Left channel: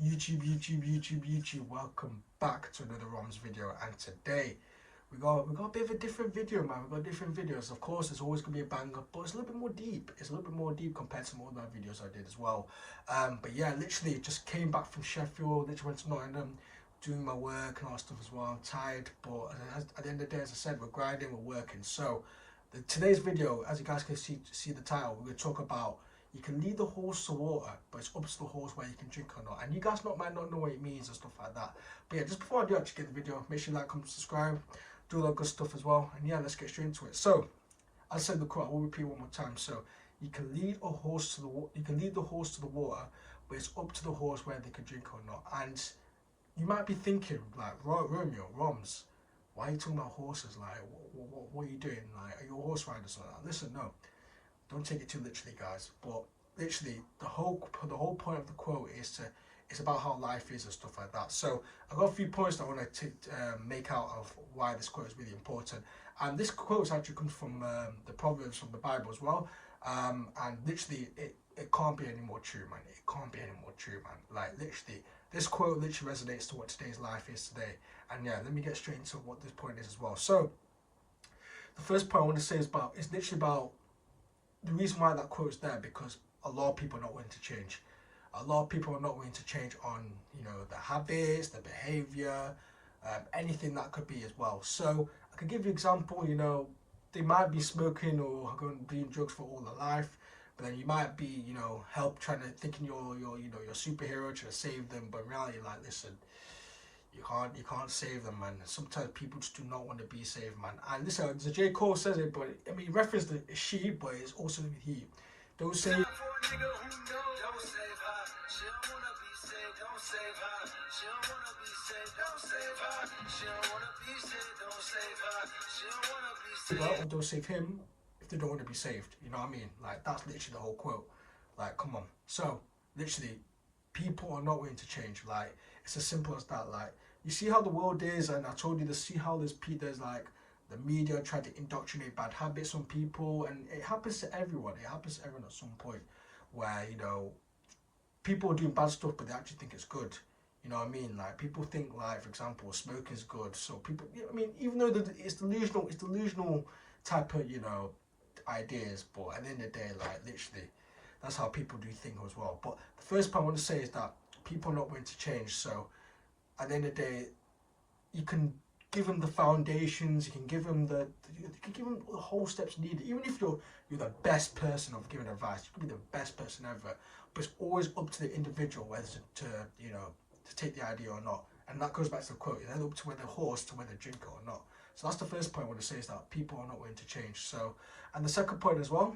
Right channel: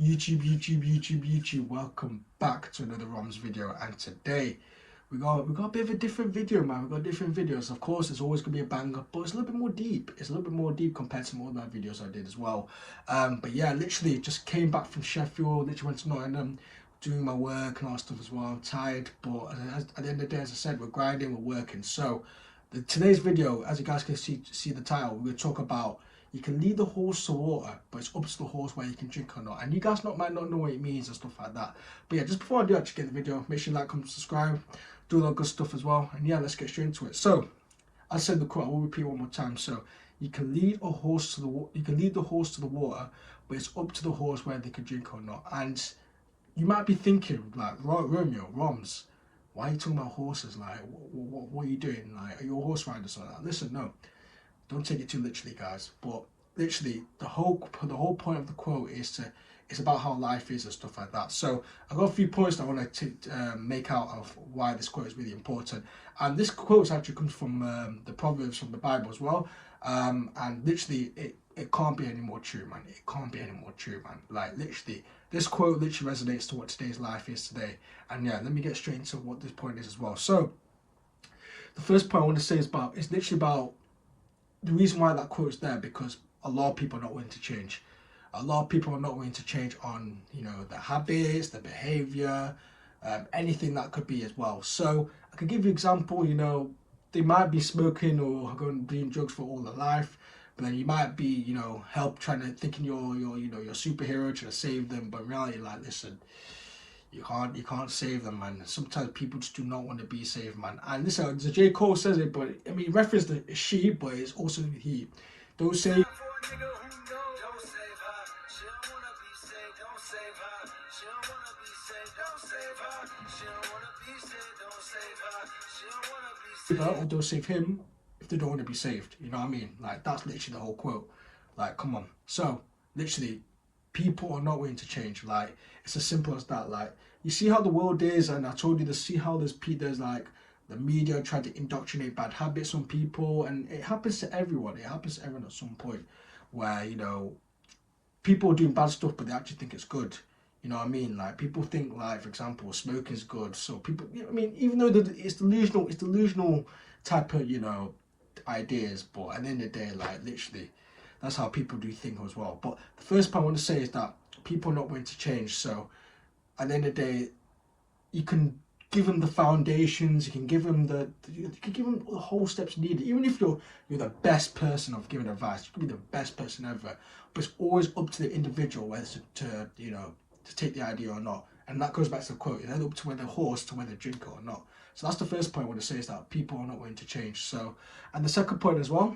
YouTube, welcome back to another ROMS video. And today we got a bit of a different video, man. We got different videos. Of course, it's always gonna be a banger, but it's a little bit more deep. It's a little bit more deep compared to some other videos I did as well. But yeah, literally just came back from Sheffield, literally went to Nottingham, doing my work and all that stuff as well. I'm tired, but at the end of the day, as I said, we're grinding, we're working. So today's video, as you guys can see the title, we're gonna talk about you can lead the horse to water, but it's up to the horse where you can drink or not. And you guys might not know what it means and stuff like that. But yeah, just before I do actually get the video, make sure you like, comment, subscribe, do all that good stuff as well. And yeah, let's get straight into it. So, as I said the quote, I will repeat one more time. So, you can lead a horse to the water, but it's up to the horse whether they can drink or not. And you might be thinking like, Romeo, Roms, why are you talking about horses? Like, what are you doing? Like, are you a horse rider or something? Listen, no. Don't take it too literally, guys. But literally, the whole point of the quote is it's about how life is and stuff like that. So I've got a few points that I want to make out of why this quote is really important. And this quote actually comes from the Proverbs from the Bible as well. And literally, it can't be any more true, man. It can't be any more true, man. Like, literally, this quote literally resonates to what today's life is today. And yeah, let me get straight into what this point is as well. So the first point I want to say is literally about the reason why that quote is there, because a lot of people are not willing to change. A lot of people are not willing to change on, their habits, their behavior, anything that could be as well. So I can give you an example. They might be smoking or going doing drugs for all their life, but then you might be, thinking you're superhero trying to save them, but in reality, like, listen, you can't save them, man. Sometimes people just do not want to be saved, man. And listen, the J. Cole says it, but I mean, reference the she, but it's also he. Don't say. Or don't save him if they don't want to be saved. You know what I mean? Like, that's literally the whole quote. Like, come on. So literally, people are not willing to change. Like, it's as simple as that. Like, you see how the world is, and I told you to see how there's like the media trying to indoctrinate bad habits on people, and it happens to everyone. It happens to everyone at some point, where people are doing bad stuff, but they actually think it's good. You know what I mean? Like, people think, like, for example, smoking is good. So people, I mean, even though it's delusional type of ideas, but at the end of the day, like, literally, that's how people do think as well. But the first point I want to say is that people are not willing to change. So at the end of the day, you can give them the foundations, you can give them the whole steps needed. Even if you're the best person of giving advice, you could be the best person ever, but it's always up to the individual whether to take the idea or not. And that goes back to the quote, it's up to whether horse to whether drink it or not. So that's the first point I want to say, is that people are not willing to change. So, and the second point as well,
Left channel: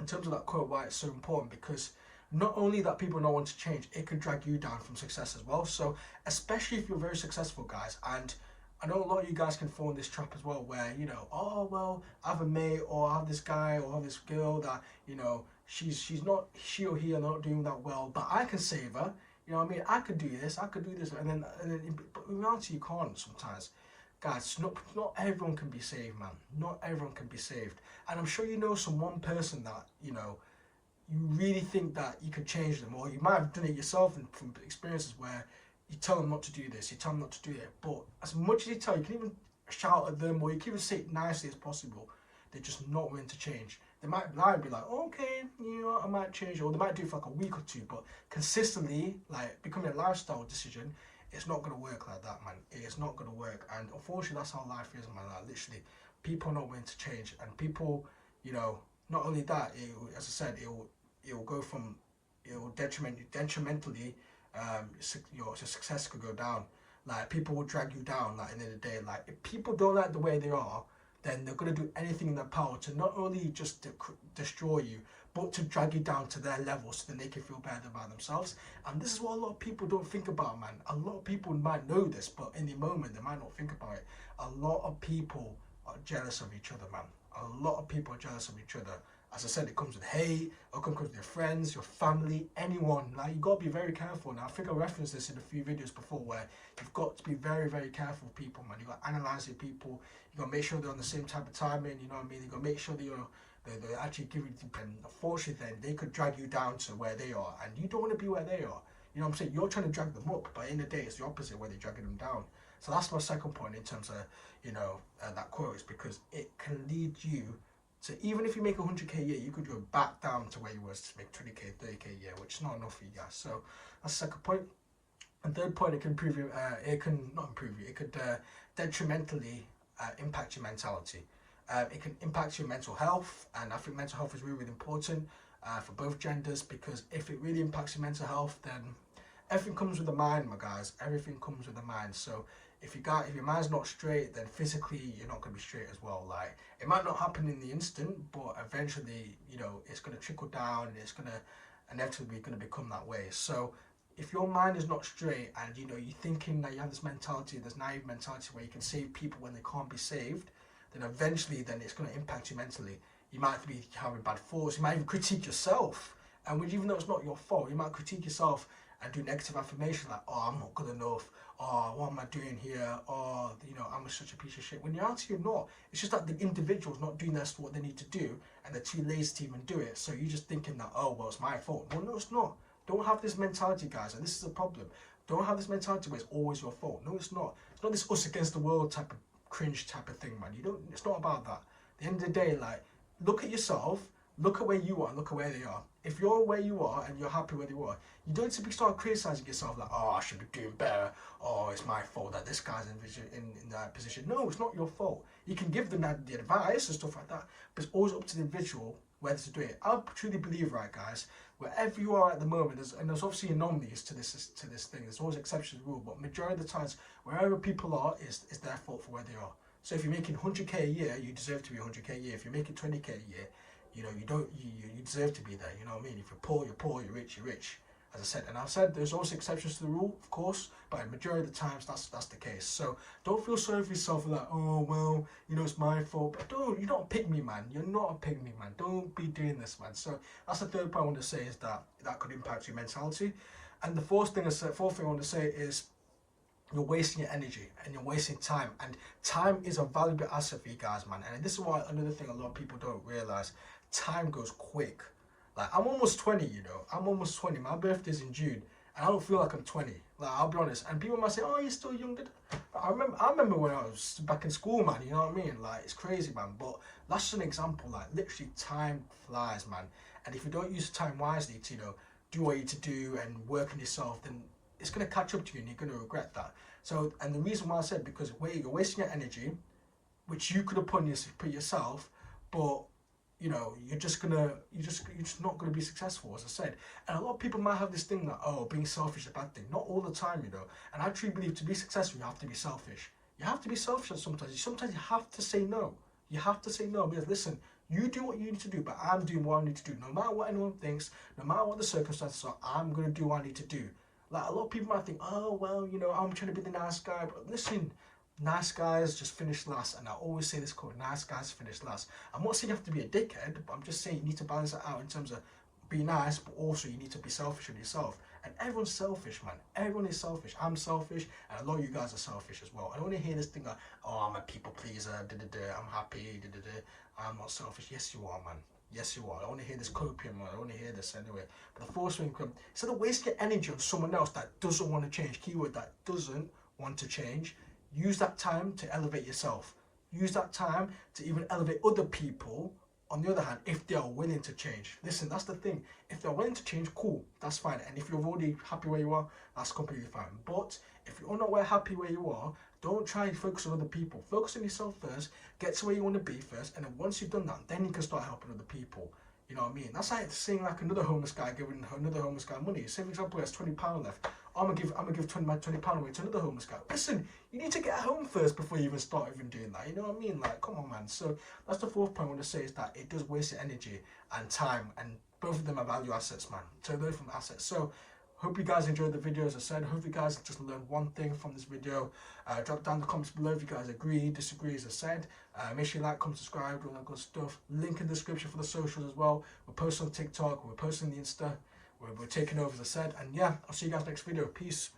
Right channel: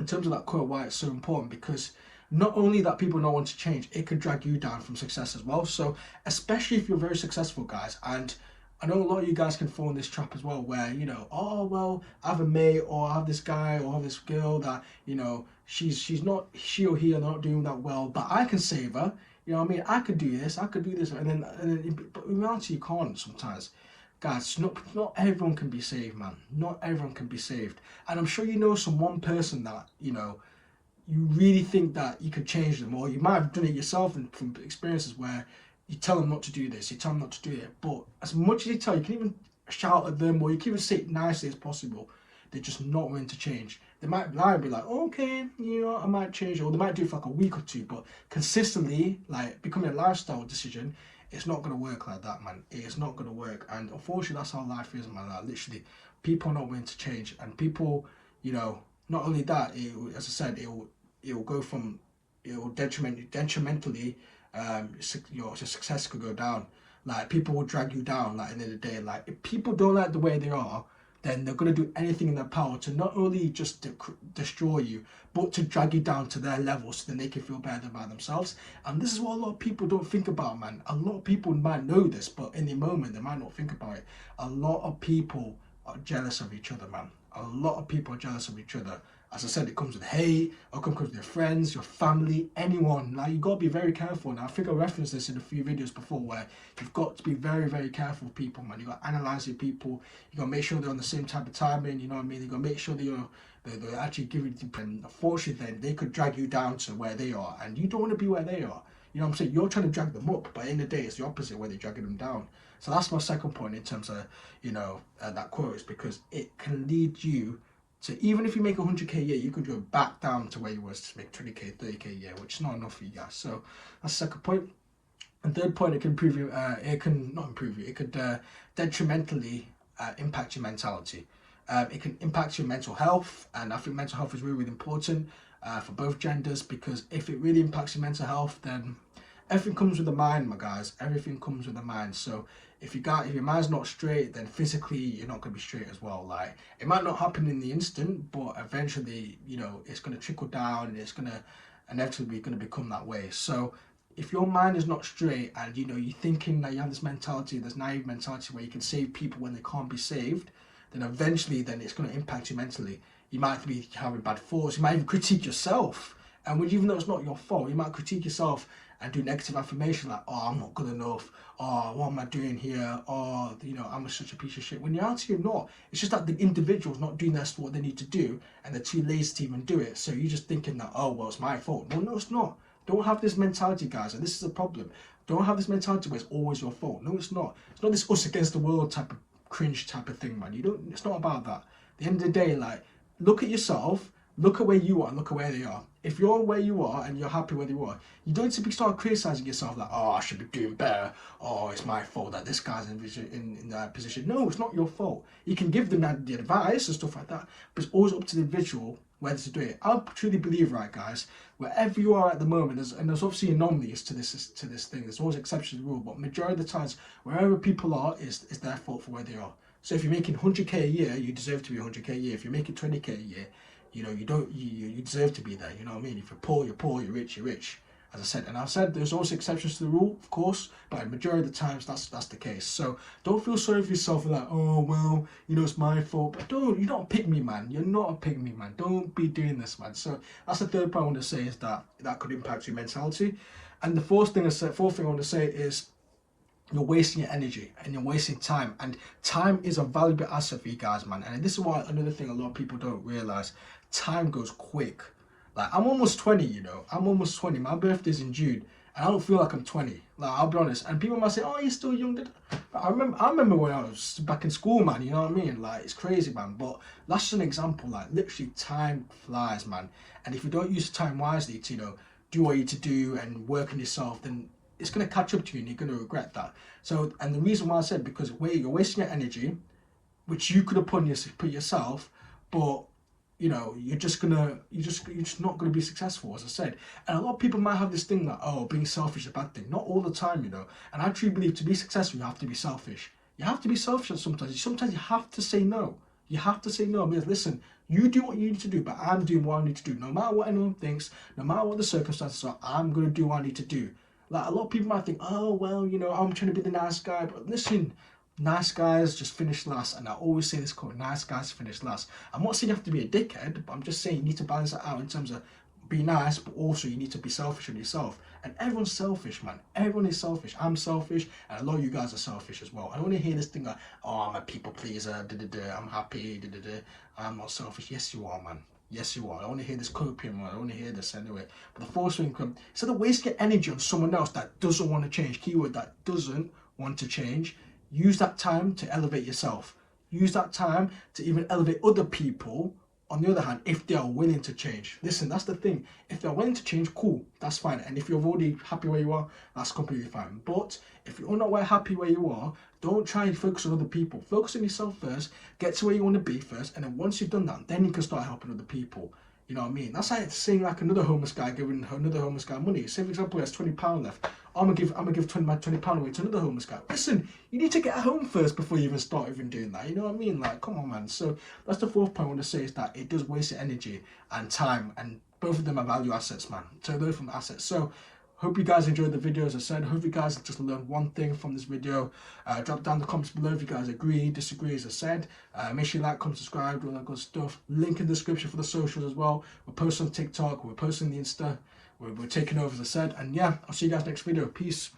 in terms of that quote, why it's so important, because not only that people don't want to change, it could drag you down from success as well. So especially if you're very successful, guys, and I know a lot of you guys can fall in this trap as well, where oh well, I have a mate, or I have this guy, or I have this girl that she or he are not doing that well, but I can save her. You know what I mean? I could do this, and then but in reality, you can't sometimes. Guys, not everyone can be saved, man. Not everyone can be saved. And I'm sure you know one person that, you really think that you could change them, or you might have done it yourself from experiences where you tell them not to do this, you tell them not to do it. But as much as you tell, you can even shout at them, or you can even say it nicely as possible. They're just not willing to change. They might be like, okay, I might change, or they might do it for like a week or two, but consistently, like, becoming a lifestyle decision, it's not going to work like that, man. It's not going to work. And unfortunately, that's how life is, man. Like, literally, people are not willing to change. And people, not only that, as I said, it'll go from, detrimentally, your success could go down. Like, people will drag you down, like, at the end of the day. Like, if people don't like the way they are, then they're going to do anything in their power to not only just destroy you, but to drag you down to their level so then they can feel better about themselves. And this is what a lot of people don't think about, man. A lot of people might know this, but in the moment, they might not think about it. A lot of people are jealous of each other, man. A lot of people are jealous of each other. As I said, it comes with hate, it comes with your friends, your family, anyone. Like, you got to be very careful. Now, I think I referenced this in a few videos before, where you've got to be very, very careful with people, man. You got to analyze your people. You got to make sure they're on the same type of timing, you know what I mean? You got to make sure they're actually giving you, and unfortunately, then they could drag you down to where they are, and you don't want to be where they are. You know what I'm saying? You're trying to drag them up, but in the day, it's the opposite where they're dragging them down. So that's my second point in terms of, that quote, is because it can lead you to, even if you make 100k a year, you could go back down to where you was to make 20k, 30k a year, which is not enough for you guys. So that's the second point. And third point, it can improve you, it can not improve you, it could detrimentally impact your mentality. It can impact your mental health, and I think mental health is really, really important for both genders, because if it really impacts your mental health, then everything comes with the mind, my guys. Everything comes with the mind. So if your mind's not straight, then physically you're not going to be straight as well. Like, it might not happen in the instant, but eventually, it's going to trickle down, and it's going to inevitably going to become that way. So if your mind is not straight, and you're thinking that you have this mentality, this naive mentality where you can save people when they can't be saved, then eventually it's going to impact you mentally. You might be having bad thoughts. You might even critique yourself, and even though it's not your fault, you might critique yourself and do negative affirmation like, oh, I'm not good enough, oh, what am I doing here, oh, I'm such a piece of shit. When you're out here, you're not. It's just that the individual's not doing what they need to do, and they're too lazy to even do it. So you're just thinking that, oh, well, it's my fault. No, it's not. Don't have this mentality, guys, and this is a problem. Don't have this mentality where it's always your fault. No, it's not. It's not this us against the world type of cringe type of thing, man. It's not about that. At the end of the day, like, look at yourself, look at where you are, and look at where they are. If you're where you are and you're happy where you are, you don't need to start criticizing yourself like, oh, I should be doing better. Oh, it's my fault that this guy's in that position. No, it's not your fault. You can give them the advice and stuff like that, but it's always up to the individual whether to do it. I truly believe, right, guys, wherever you are at the moment, there's obviously anomalies to this thing. There's always exceptions to the rule, but majority of the times, wherever people are is their fault for where they are. So if you're making 100k a year, you deserve to be 100k a year. If you're making 20k a year, you deserve to be there. You know what I mean? If you're poor, you're poor. You're rich, you're rich. As I said, and I've said there's also exceptions to the rule, of course, but in majority of the times that's the case. So don't feel sorry for yourself like, oh well, it's my fault. But you're not a pick me, man. You're not a pick me, man. Don't be doing this, man. So that's the third point I want to say, is that could impact your mentality. And the fourth thing I want to say is, you're wasting your energy and you're wasting time, and time is a valuable asset for you guys, man. And this is why another thing a lot of people don't realize: time goes quick. Like, I'm almost 20, I'm almost 20. My birthday's in June, and I don't feel like I'm 20. Like, I'll be honest. And people might say, oh, you're still young. I remember when I was back in school, man. You know what I mean? Like, it's crazy, man. But that's just an example. Like, literally, time flies, man. And if you don't use time wisely to, do what you need to do and work on yourself, then it's going to catch up to you, and you're going to regret that. So, and the reason why I said, because you're wasting your energy, which you could have put yourself, but you're just not gonna be successful, as I said. And a lot of people might have this thing that, oh, being selfish is a bad thing. Not all the time, And I truly believe to be successful, you have to be selfish. You have to be selfish sometimes. Sometimes you have to say no. You have to say no, because listen, you do what you need to do, but I'm doing what I need to do. No matter what anyone thinks, no matter what the circumstances are, I'm gonna do what I need to do. Like, a lot of people might think, oh well, I'm trying to be the nice guy, but listen. Nice guys just finish last, and I always say this quote: nice guys finish last. I'm not saying you have to be a dickhead, but I'm just saying you need to balance it out in terms of be nice, but also you need to be selfish on yourself. And everyone's selfish, man. Everyone is selfish. I'm selfish, and a lot of you guys are selfish as well. I don't want to hear this thing like, oh, I'm a people pleaser, I'm happy, I'm not selfish. Yes, you are, man. Yes, you are. I want to hear this copium, man. I want to hear this anyway. But the fourth thing, instead of wasting energy on someone else that doesn't want to change, keyword, that doesn't want to change, use that time to elevate yourself. Use that time to even elevate other people, on the other hand, if they are willing to change. Listen, that's the thing. If they're willing to change, cool, that's fine. And if you're already happy where you are, that's completely fine. But if you're not happy where you are, don't try and focus on other people. Focus on yourself first, get to where you want to be first, and then once you've done that, then you can start helping other people. You know what I mean? That's like saying like another homeless guy giving another homeless guy money. Say for example, he has £20 left. I'm gonna give £20 away to another homeless guy. Listen, you need to get home first before you even start doing that. You know what I mean? Like, come on, man. So that's the fourth point I want to say, is that it does waste your energy and time, and both of them are value assets, man. So they're from assets. So hope you guys enjoyed the video. As I said, hope you guys just learned one thing from this video. Drop down the comments below if you guys agree, disagree, as I said. Make sure you like, comment, subscribe, all that good stuff. Link in the description for the socials as well. We're posting on TikTok, we're posting on the Insta. We're taking over, as I said. And yeah, I'll see you guys next video. Peace.